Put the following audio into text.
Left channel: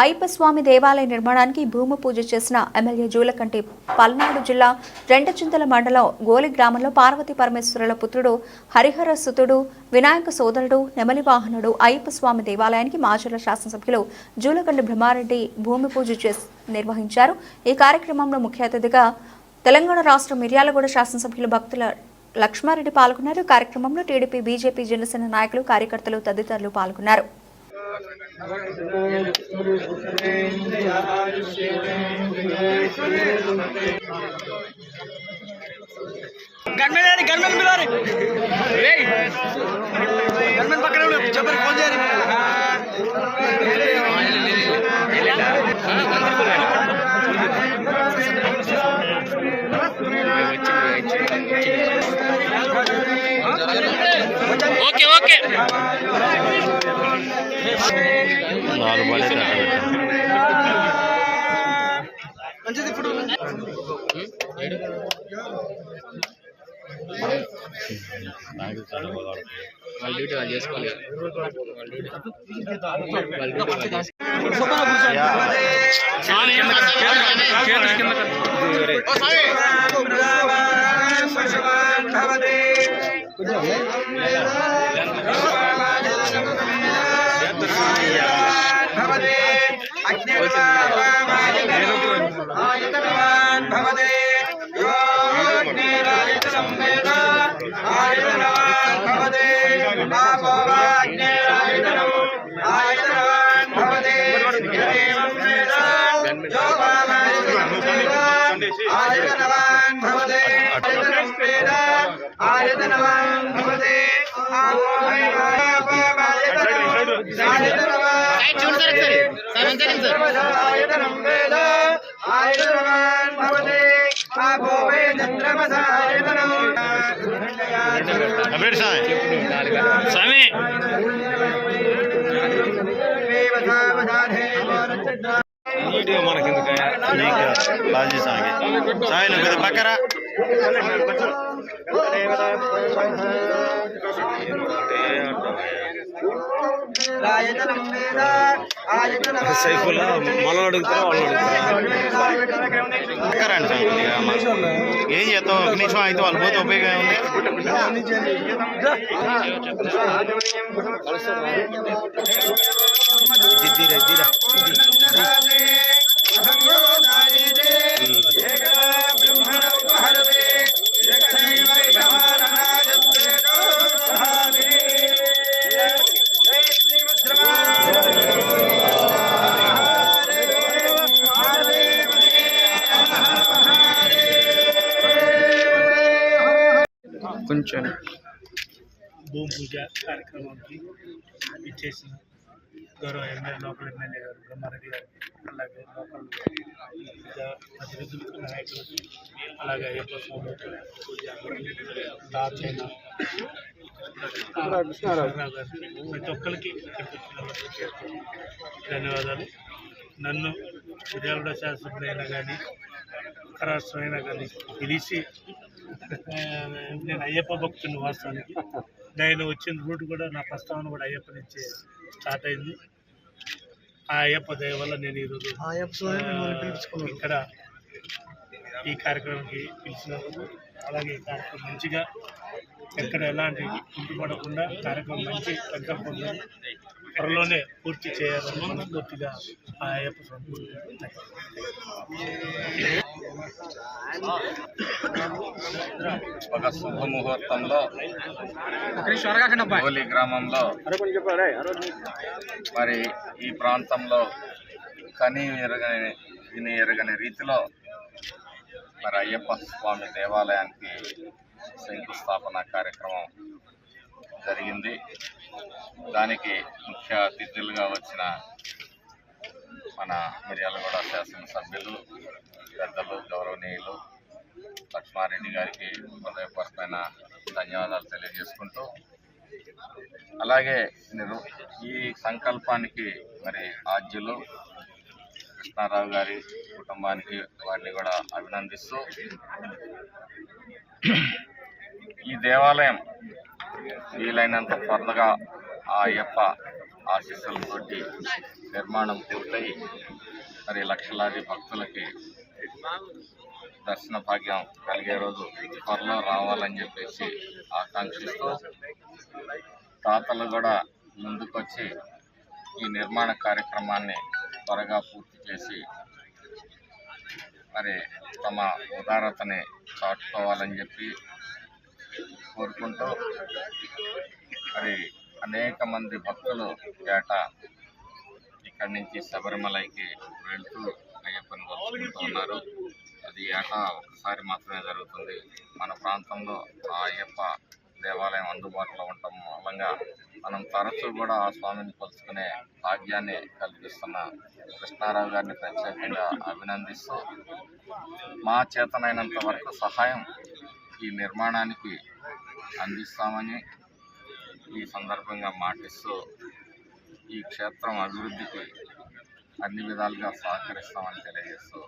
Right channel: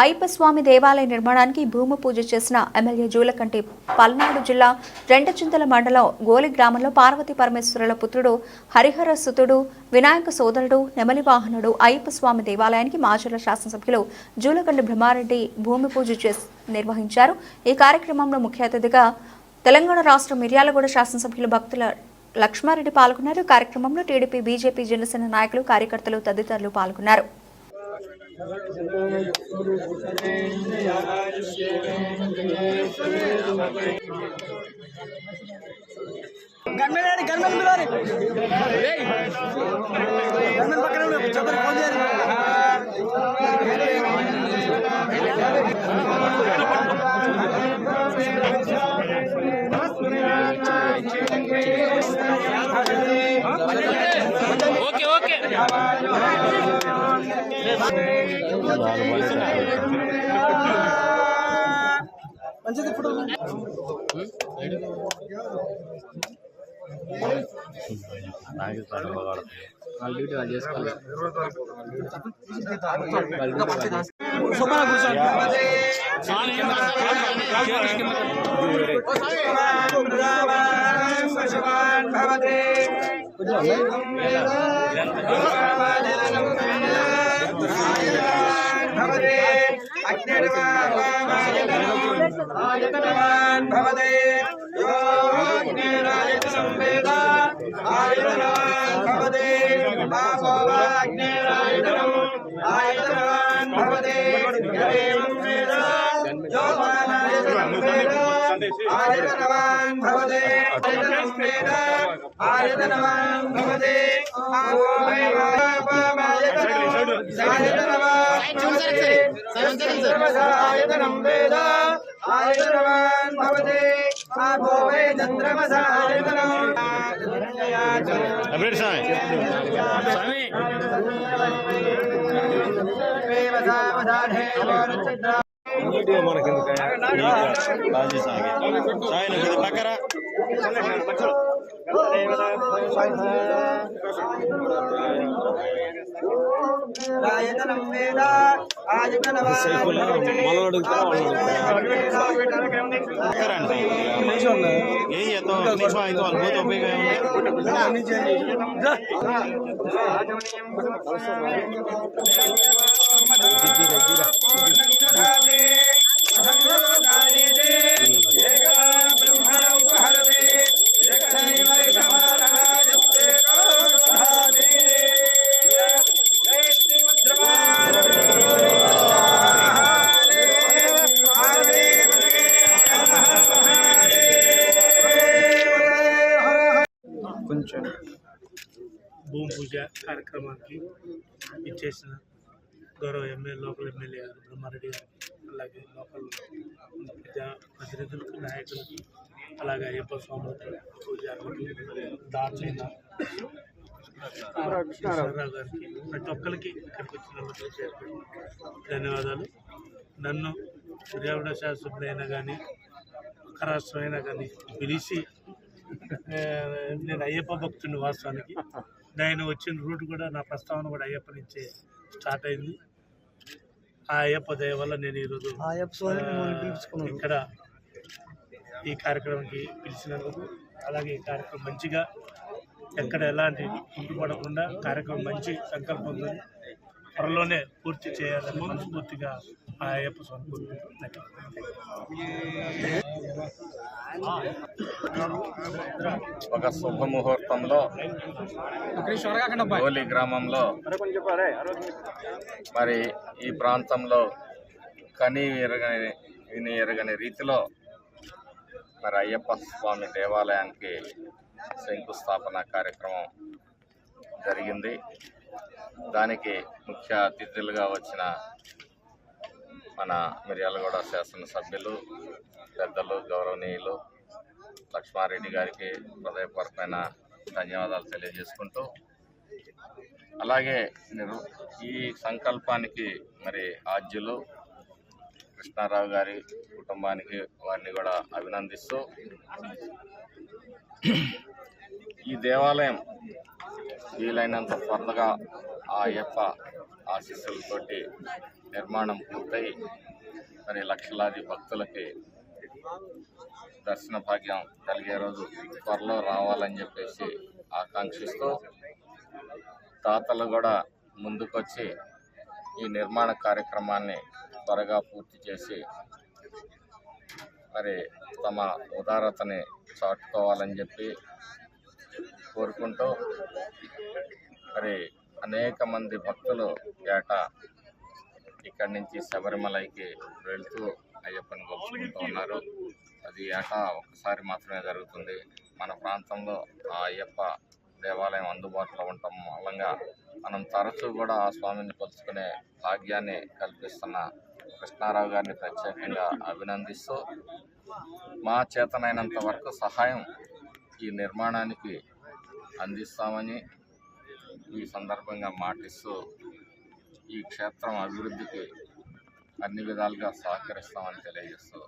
అయ్యప్పస్వామి దేవాలయ నిర్మాణానికి భూమి పూజ చేసిన ఎమ్మెల్యే జూలకంటి పల్నాడు జిల్లా రెండచింతల మండలం గోలి గ్రామంలో పార్వతీ పరమేశ్వరుల పుత్రుడు హరిహర సుతుడు వినాయక సోదరుడు నెమలి వాహనుడు అయ్యప్పస్వామి దేవాలయానికి మాజీల శాసనసభ్యులు జూలకంటి బ్రహ్మారెడ్డి భూమి పూజ చేసి నిర్వహించారు. ఈ కార్యక్రమంలో ముఖ్య అతిథిగా తెలంగాణ రాష్ట్ర మిర్యాలగూడ శాసనసభ్యులు భక్తుల లక్ష్మారెడ్డి పాల్గొన్నారు. కార్యక్రమంలో టీడీపీ బీజేపీ జనసేన నాయకులు కార్యకర్తలు తదితరులు పాల్గొన్నారు. గన్మెన్ గన్మెన్ పిలవాలి గన్మెన్ పక్కన ఉండు. చెప్పండి ఫోన్ చేయాలి ఓకే ఓకే. నాలుగు పడే తట్ట మంచిది ఇప్పుడు వాళ్ళ డ్యూటీ వాళ్ళు చేసుకోవాలి వాళ్ళ డ్యూటీ వాళ్ళ డ్యూటీ సుబ్బన కూర్చోండి స్వామి స్వామి మనకి నీట్గా నువ్వు పక్కరా. సైఫుల్లా మనం అడుగుతారా వాళ్ళు అడుగుతారా? ఏం చేస్తాం ఒక నిమిషం అయితే వాళ్ళు పోతే ఉపయోగం ఉంది దిద్దిరా దిద్దిరా కొంచెం భూమి పూజ కార్యక్రమానికి ఇచ్చేసిన గౌరవ ఎమ్మెల్యే లోకల్ ఎమ్మెల్యే గారు బ్రహ్మారెడ్డి గారికి అలాగే లోకల్ ప్రతినిధులకు నాయకులకి అలాగే అయ్యప్ప స్వామి పూజ దాచైన కృష్ణారావు గారు ప్రతి ఒక్కరికి ధన్యవాదాలు. నన్ను మిర్యాలగూడ శాసనసభ్యులైనా కానీ రాష్ట్రమైనా అయినా కానీ పిలిచి నేను అయ్యప్ప భక్తుని వాస్తవానికి. నేను వచ్చిన రూట్ కూడా నా ప్రస్తావన కూడా అయ్యప్ప నుంచే స్టార్ట్ అయింది. ఆ అయ్యప్ప దయ వల్ల నేను ఈరోజు ఇక్కడ ఈ కార్యక్రమానికి పిలిచినందుకు అలాగే ఈ కార్యక్రమం మంచిగా ఎక్కడ ఎలాంటి కుంటుపడకుండా కార్యక్రమం మంచి సంకల్పంతో త్వరలోనే పూర్తి చేయాలని మనస్ఫూర్తిగా ఆ అయ్యప్ప స్వామి ఒక శుభముహూర్తంలో గోలి గ్రామంలో మరి ఈ ప్రాంతంలో కని ఎరగని విని ఎరగని రీతిలో మరి అయ్యప్ప స్వామి దేవాలయానికి శంకుస్థాపన కార్యక్రమం జరిగింది. దానికి ముఖ్య అతిథులుగా వచ్చిన మన మిర్యాలగూడ శాసనసభ్యులు పెద్దలు గౌరవనీయులు లక్ష్మారెడ్డి గారికి హృదయపరమైన ధన్యవాదాలు తెలియజేసుకుంటూ అలాగే నేను ఈ సంకల్పానికి మరి ఆద్యులు కృష్ణారావు గారి కుటుంబానికి వారిని కూడా అభినందిస్తూ ఈ దేవాలయం వీలైనంత త్వరగా ఆ అయ్యప్ప ఆశీస్సులతోటి నిర్మాణం పూర్తయి మరి లక్షలాది భక్తులకి దర్శన భాగ్యం కలిగే రోజు త్వరలో రావాలని చెప్పేసి ఆకాంక్షిస్తూ తాతలు కూడా ముందుకొచ్చి ఈ నిర్మాణ కార్యక్రమాన్ని త్వరగా పూర్తి చేసి మరి తమ ఉదారతని చాటుకోవాలని చెప్పి కోరుకుంటూ మరి అనేక మంది భక్తులు ఏటా ఇక్కడి నుంచి శబరిమలైకి వెళ్తూ అయ్యప్పని కొలుచుకుంటూ ఉన్నారు. అది ఏటా ఒకసారి మాత్రమే జరుగుతుంది. మన ప్రాంతంలో ఆ అయ్యప్ప దేవాలయం అందుబాటులో ఉండటం మూలంగా మనం తరచూ కూడా ఆ స్వామిని కొలుచుకునే భాగ్యాన్ని కల్పిస్తున్న కృష్ణారావు గారిని ప్రత్యేకంగా అభినందిస్తూ మా చేతనైనంత వరకు సహాయం ఈ నిర్మాణానికి అందిస్తామని ఈ సందర్భంగా మాటిస్తూ ఈ క్షేత్రం అభివృద్ధికి అన్ని విధాలుగా సహకరిస్తామని తెలియజేస్తూ